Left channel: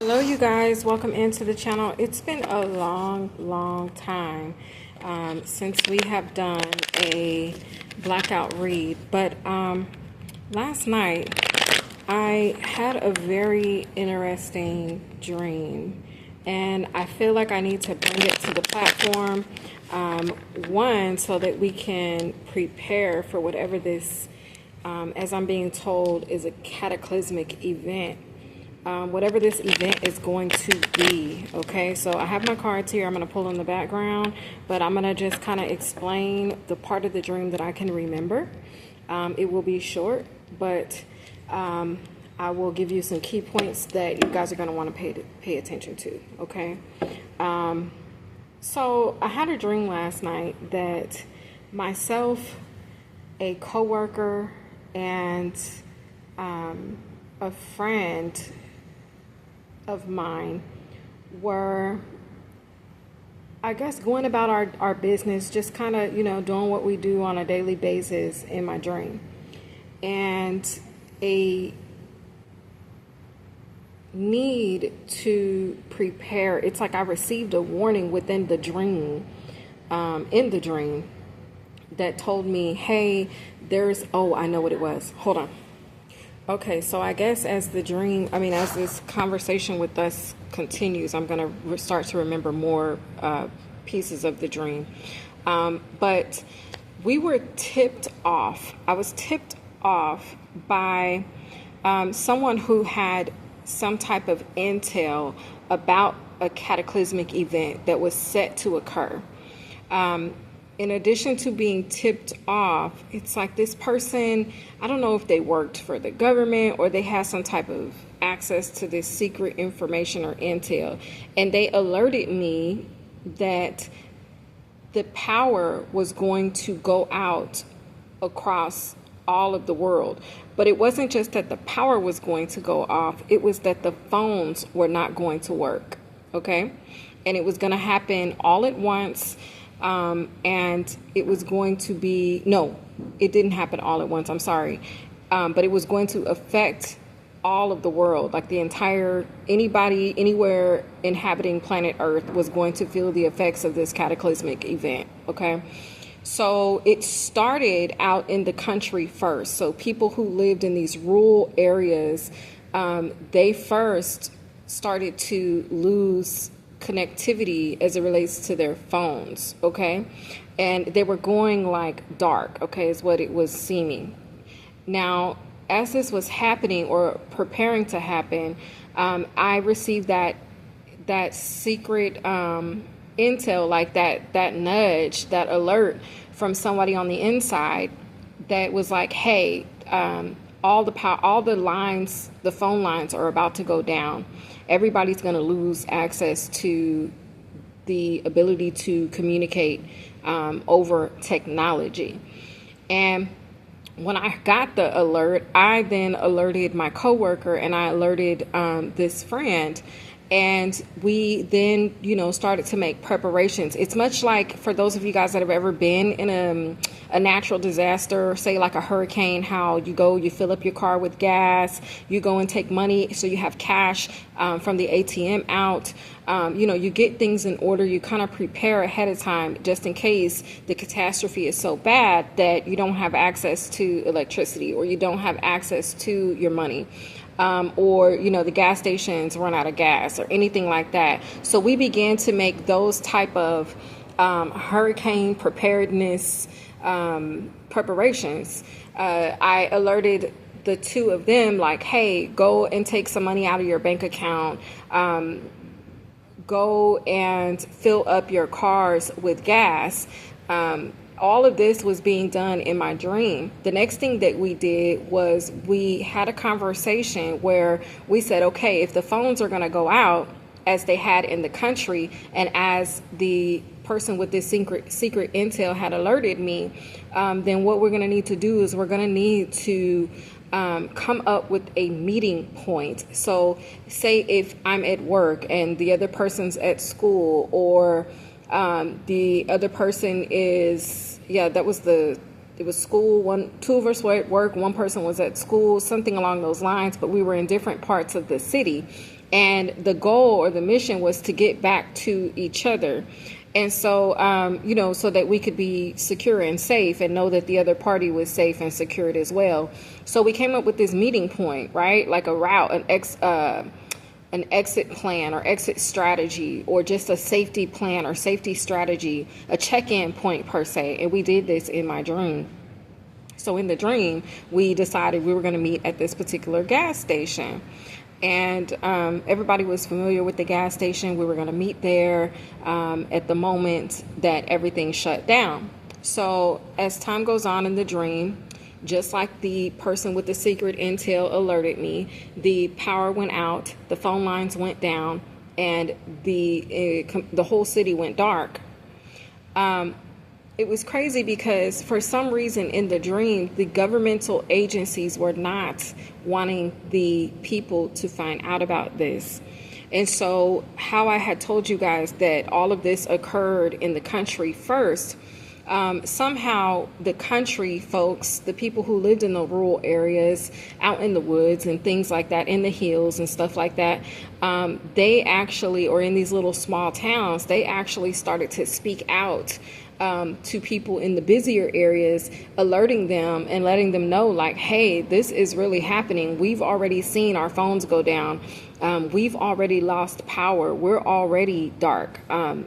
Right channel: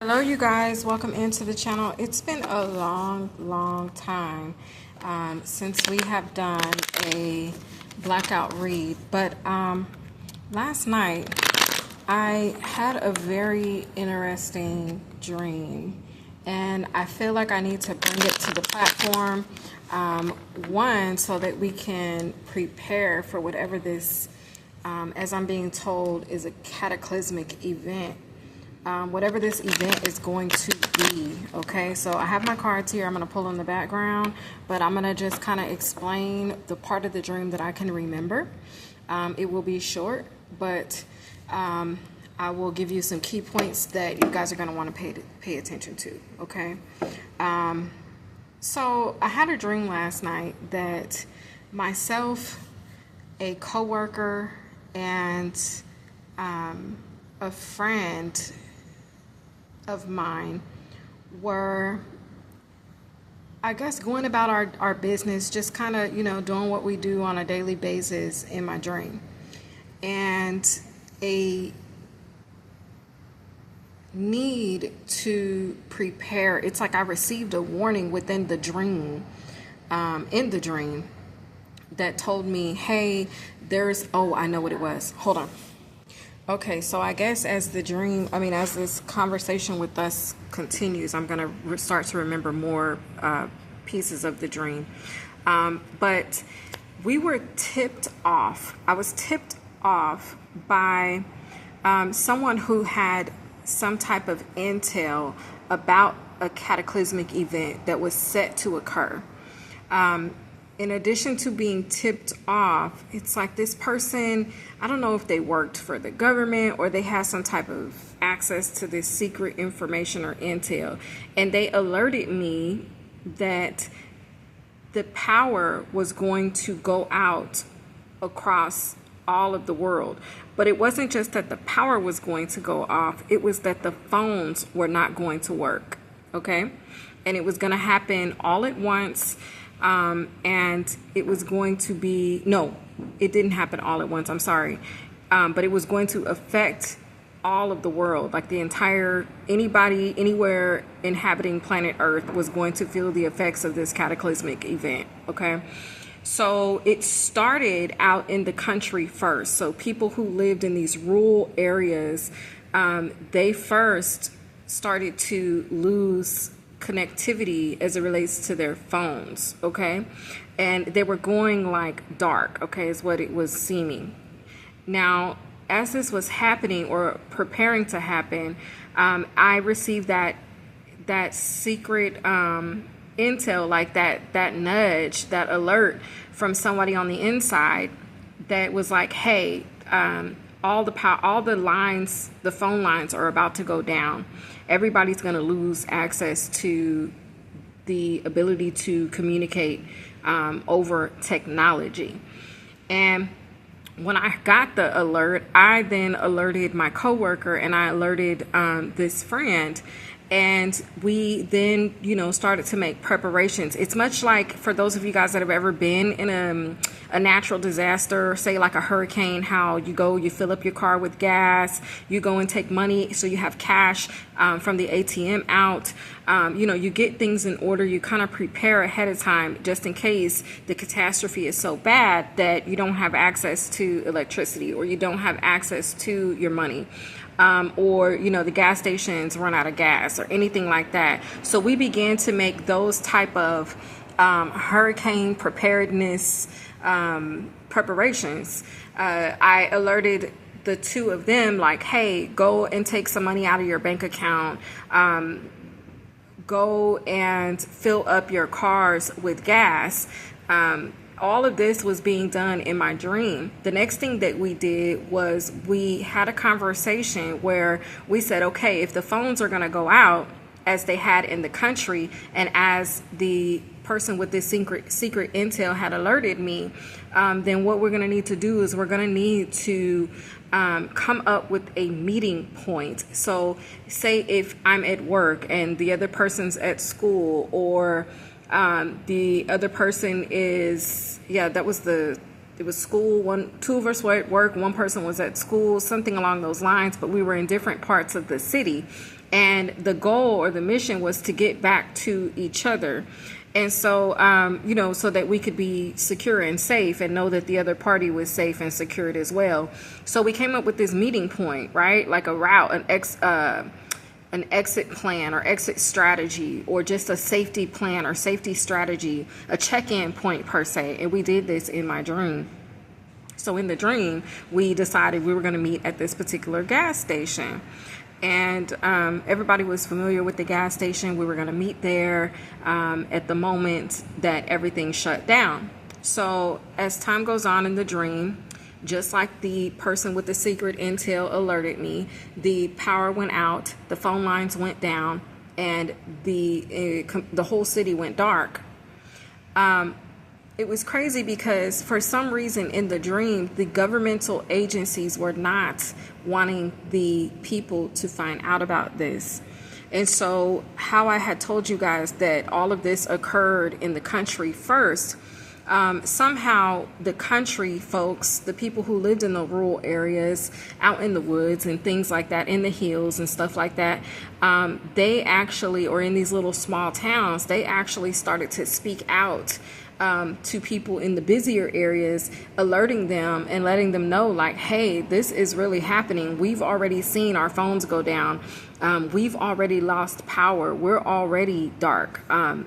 Hello you guys, welcome into the channel. It's been a long time since we have done a blackout read, but last night I had a very interesting dream and I feel like I need to bring it to the platform, one, so that we can prepare for whatever this, as I'm being told, is a cataclysmic event. Whatever this event is going to be. Okay, so I have my cards here. I'm going to pull in the background, but I'm going to just kind of explain the part of the dream that I can remember. It will be short, but I will give you some key points that you guys are going to want to pay attention to. Okay, so I had a dream last night that myself, a coworker, and a friend of mine were, I guess, going about our business, just kind of, doing what we do on a daily basis in my dream. And a need to prepare, it's like I received a warning within the dream, in the dream, that told me, hey, I know what it was. Hold on. Okay, so I guess as this conversation with us continues, I'm going to start to remember more pieces of the dream. But we were tipped off. I was tipped off by someone who had some type of intel about a cataclysmic event that was set to occur. In addition to being tipped off, it's like this person, I don't know if they worked for the government or they had some type of access to this secret information or intel. And they alerted me that the power was going to go out across all of the world. But it wasn't just that the power was going to go off, it was that the phones were not going to work. Okay? And it was going to happen all at once. And it was going to be, no, it didn't happen all at once. I'm sorry. But it was going to affect all of the world, like anybody, anywhere inhabiting planet Earth was going to feel the effects of this cataclysmic event. Okay. So it started out in the country first. So people who lived in these rural areas, they first started to lose connectivity as it relates to their phones, okay? And they were going like dark, okay, is what it was seeming. Now, as this was happening or preparing to happen, I received that secret intel, like that nudge, that alert from somebody on the inside that was like, hey, all the lines, the phone lines are about to go down. Everybody's going to lose access to the ability to communicate over technology. And when I got the alert, I then alerted my coworker and I alerted this friend. And we then, started to make preparations. It's much like, for those of you guys that have ever been in a natural disaster, say like a hurricane, how you fill up your car with gas, you go and take money so you have cash from the ATM out. You get things in order. You kind of prepare ahead of time just in case the catastrophe is so bad that you don't have access to electricity or you don't have access to your money. Or the gas stations run out of gas or anything like that. So we began to make those type of hurricane preparedness preparations. I alerted the two of them, like, hey, go and take some money out of your bank account. Go and fill up your cars with gas. All of this was being done in my dream. The next thing that we did was we had a conversation where we said, okay, if the phones are going to go out as they had in the country, and as the person with this secret intel had alerted me, then what we're going to need to do is we're going to need to come up with a meeting point. So say if I'm at work and the other person's at school, or the other person is, it was school, two of us were at work, one person was at school, something along those lines, but we were in different parts of the city. And the goal or the mission was to get back to each other. And so, so that we could be secure and safe and know that the other party was safe and secured as well. So we came up with this meeting point, right? Like a route, an exit plan or exit strategy, or just a safety plan or safety strategy, a check-in point per se. And we did this in my dream. So in the dream, we decided we were going to meet at this particular gas station. And everybody was familiar with the gas station. We were going to meet there at the moment that everything shut down. So as time goes on in the dream, just like the person with the secret intel alerted me, the power went out, the phone lines went down, and the whole city went dark. It was crazy because for some reason in the dream, the governmental agencies were not wanting the people to find out about this. And so how I had told you guys that all of this occurred in the country first, somehow the country folks, the people who lived in the rural areas, out in the woods and things like that, in the hills and stuff like that, they actually, or in these little small towns, they actually started to speak out to people in the busier areas, alerting them and letting them know, like, hey, this is really happening. We've already seen our phones go down. We've already lost power. We're already dark, and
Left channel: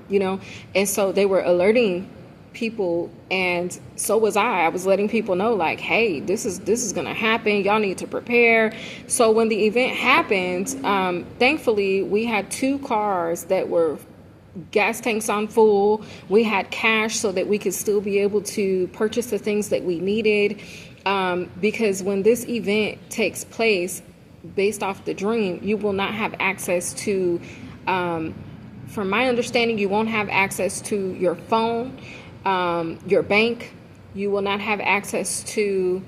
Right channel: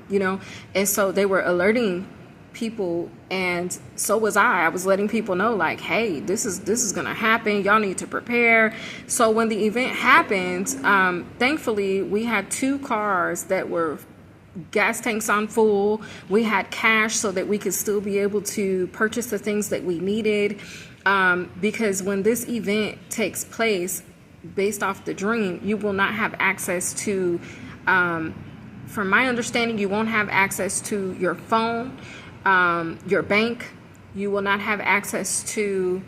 so they were alerting people, and so was I was letting people know, like, hey, this is gonna happen, y'all need to prepare. So when the event happened, thankfully we had 2 cars that were gas tanks on full. We had cash so that we could still be able to purchase the things that we needed, because when this event takes place, based off the dream, you will not have access to, from my understanding, you won't have access to your phone, your bank. You will not have access to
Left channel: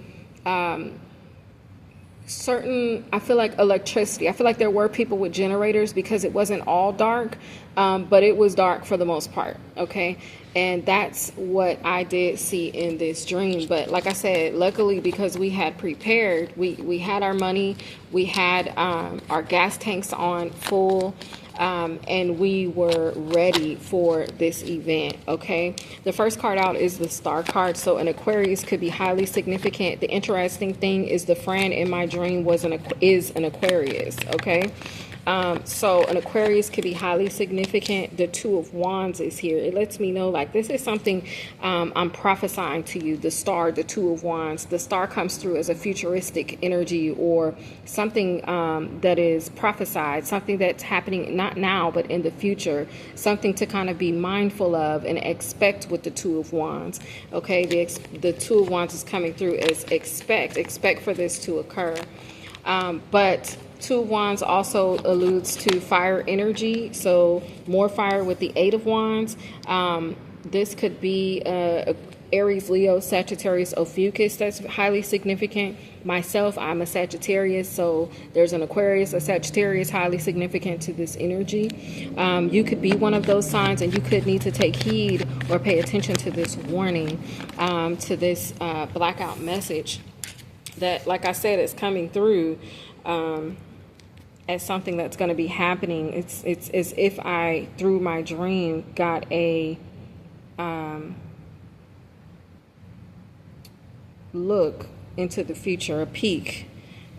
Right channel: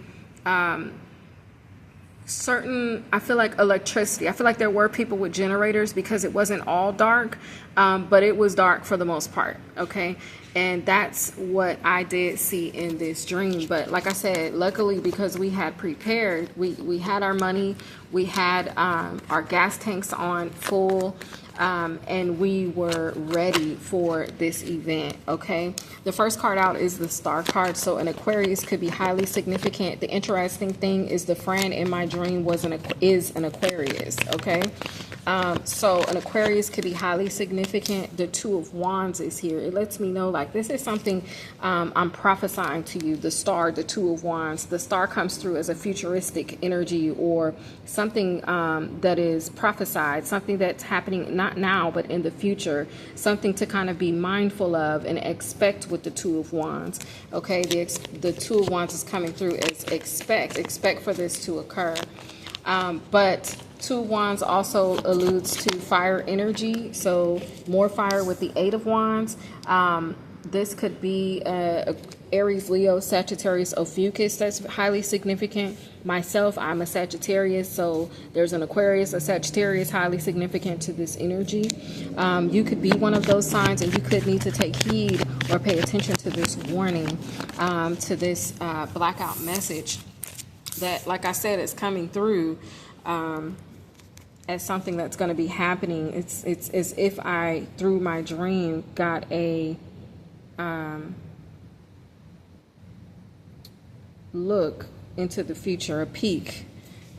certain, I feel like, electricity. I feel like there were people with generators because it wasn't all dark, but it was dark for the most part. Okay. And that's what I did see in this dream. But like I said, luckily, because we had prepared, we had our money, we had our gas tanks on full, and we were ready for this event. Okay. The first card out is the Star card. So an Aquarius could be highly significant. The interesting thing is the friend in my dream is an Aquarius. Okay. So an Aquarius could be highly significant. The 2 of Wands is here. It lets me know, like, this is something I'm prophesying to you. The star, the 2 of Wands, the star comes through as a futuristic energy, or something that is prophesied, something that's happening not now but in the future, something to kind of be mindful of and expect with the 2 of Wands. Okay, the 2 of Wands is coming through as expect for this to occur. But 2 of Wands also alludes to fire energy, so more fire with the 8 of Wands. This could be Aries, Leo, Sagittarius, Ophiuchus. That's highly significant. Myself, I'm a Sagittarius, so there's an Aquarius, a Sagittarius, highly significant to this energy. You could be one of those signs, and you could need to take heed or pay attention to this warning, to this blackout message that, like I said, is coming through as something that's going to be happening. It's as if I, through my dream, got a look into the future, a peek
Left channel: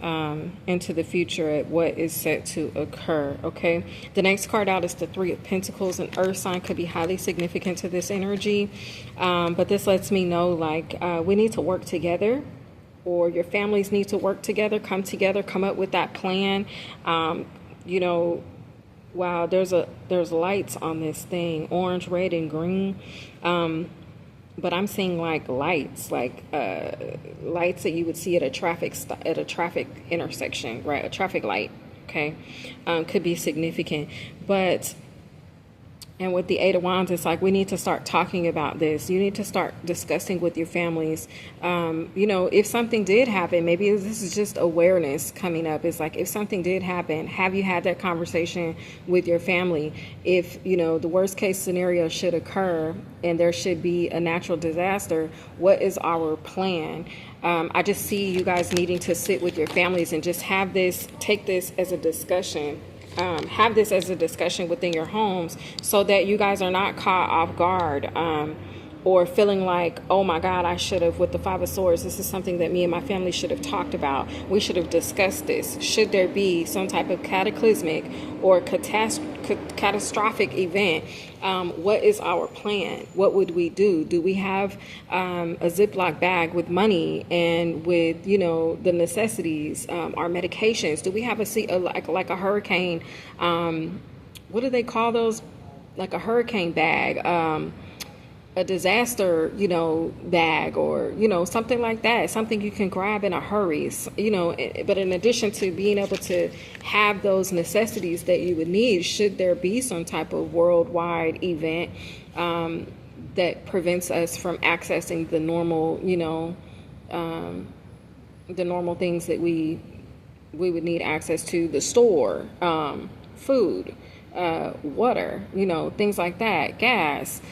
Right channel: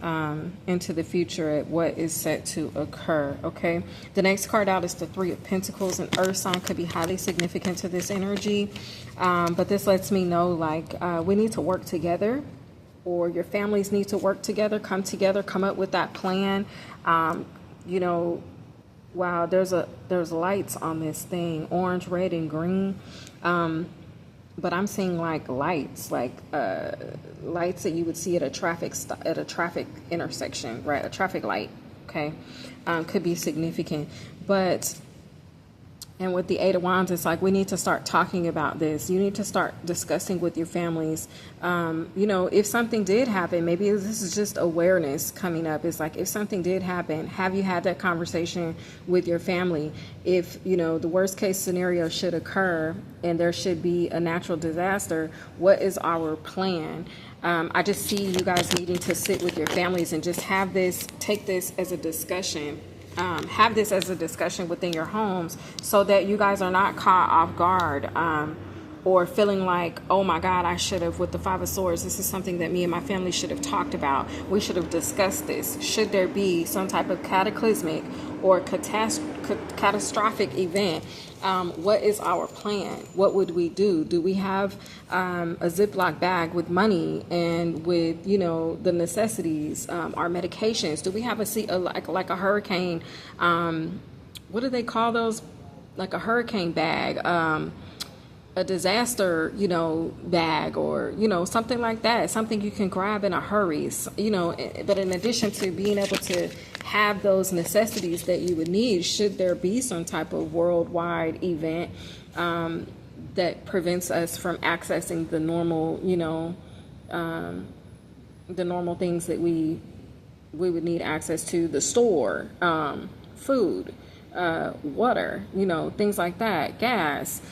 into the future at what is set to occur. Okay, the next card out is the 3 of Pentacles. An earth sign could be highly significant to this energy, but this lets me know, like, we need to work together, or your families need to work together, come up with that plan. Wow, there's lights on this thing, orange, red, and green. But I'm seeing like lights, lights that you would see at a traffic intersection, right? A traffic light. Okay, could be significant, but. And with the 8 of Wands, it's like, we need to start talking about this. You need to start discussing with your families. If something did happen, maybe this is just awareness coming up. It's like, if something did happen, have you had that conversation with your family? If, the worst case scenario should occur and there should be a natural disaster, what is our plan? I just see you guys needing to sit with your families and just take this as a discussion. have this as a discussion within your homes so that you guys are not caught off guard, or feeling like, oh my God, I should have, with the Five of Swords, this is something that me and my family should have talked about. We should have discussed this. Should there be some type of cataclysmic or catastrophic event, what is our plan? What would we do? Do we have a Ziploc bag with money and with, the necessities, our medications? Do we have like a hurricane? What do they call those? Like a hurricane bag, a disaster, bag, or, something like that, something you can grab in a hurry, but in addition to being able to have those necessities that you would need, should there be some type of worldwide event, that prevents us from accessing the normal, the normal things that we would need access to, the store, food, water, things like that, gas,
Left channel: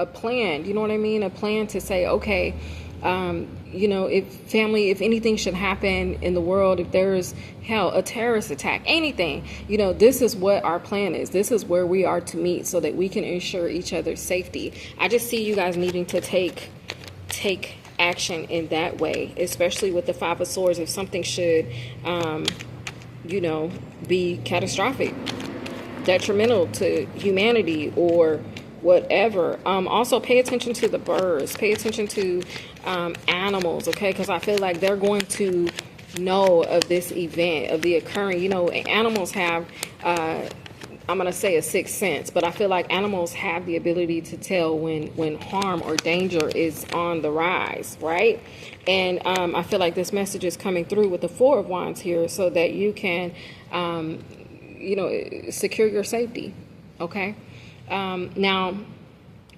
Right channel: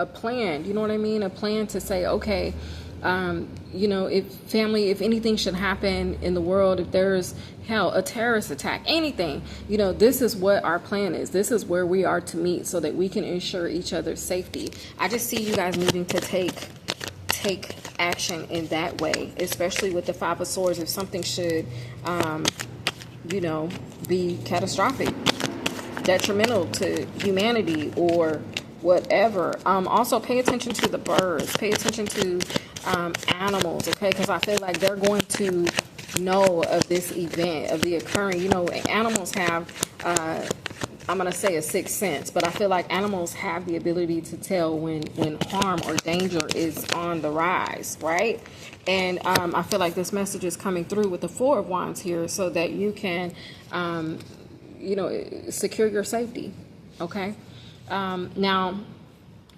a plan, you know what I mean? A plan to say, okay, if anything should happen in the world, if there's a terrorist attack, anything, this is what our plan is. This is where we are to meet so that we can ensure each other's safety. I just see you guys needing to take action in that way, especially with the Five of Swords. If something should, be catastrophic, detrimental to humanity or whatever. Also pay attention to the birds, pay attention to animals, okay? Because I feel like they're going to know of this event, of the occurring. Animals have, I'm going to say a sixth sense, but I feel like animals have the ability to tell when harm or danger is on the rise, right? And I feel like this message is coming through with the Four of Wands here so that you can, secure your safety, okay? Now,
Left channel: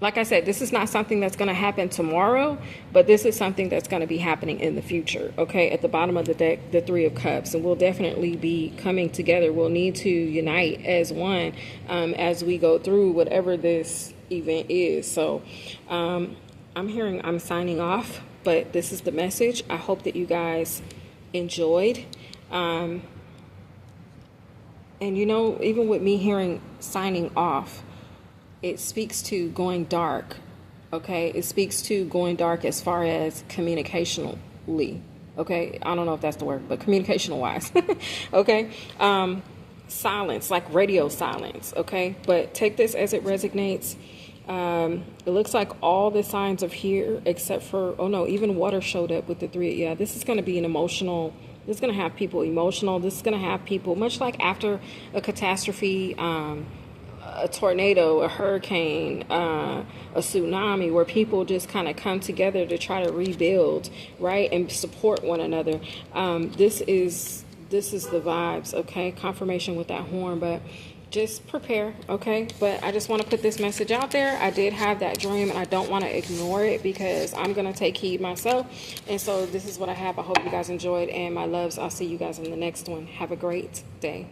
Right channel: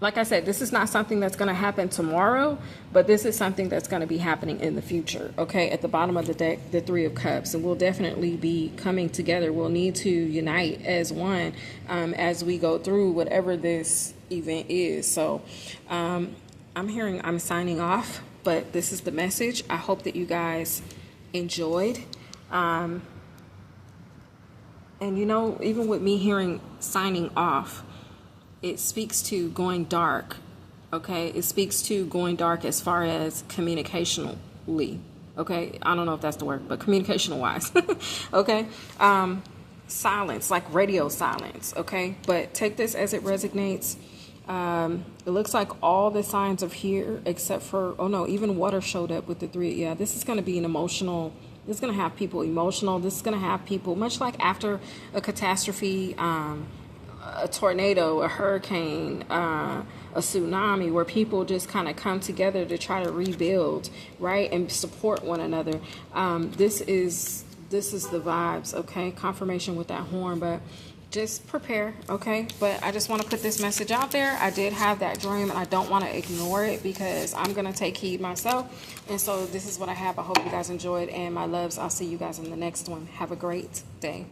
like I said, this is not something that's going to happen tomorrow, but this is something that's going to be happening in the future. Okay. At the bottom of the deck, the Three of Cups, and we'll definitely be coming together. We'll need to unite as one, as we go through whatever this event is. So, I'm signing off, but this is the message. I hope that you guys enjoyed. And even with me hearing signing off, it speaks to going dark, okay? It speaks to going dark as far as communicationally, okay? I don't know if that's the word, but communication-wise, okay? Silence, like radio silence, okay? But take this as it resonates. It looks like all the signs are here except for, even water showed up with the three. Yeah, this is going to be an emotional, this is going to have people emotional. This is going to have people, much like after a catastrophe, a tornado, a hurricane, a tsunami, where people just kind of come together to try to rebuild, right, and support one another. This is the vibes, okay? Confirmation with that horn, but just prepare, okay? But I just want to put this message out there. I did have that dream, and I don't want to ignore it because I'm going to take heed myself. And so this is what I have. I hope you guys enjoyed, and my loves, I'll see you guys in the next one. Have a great day.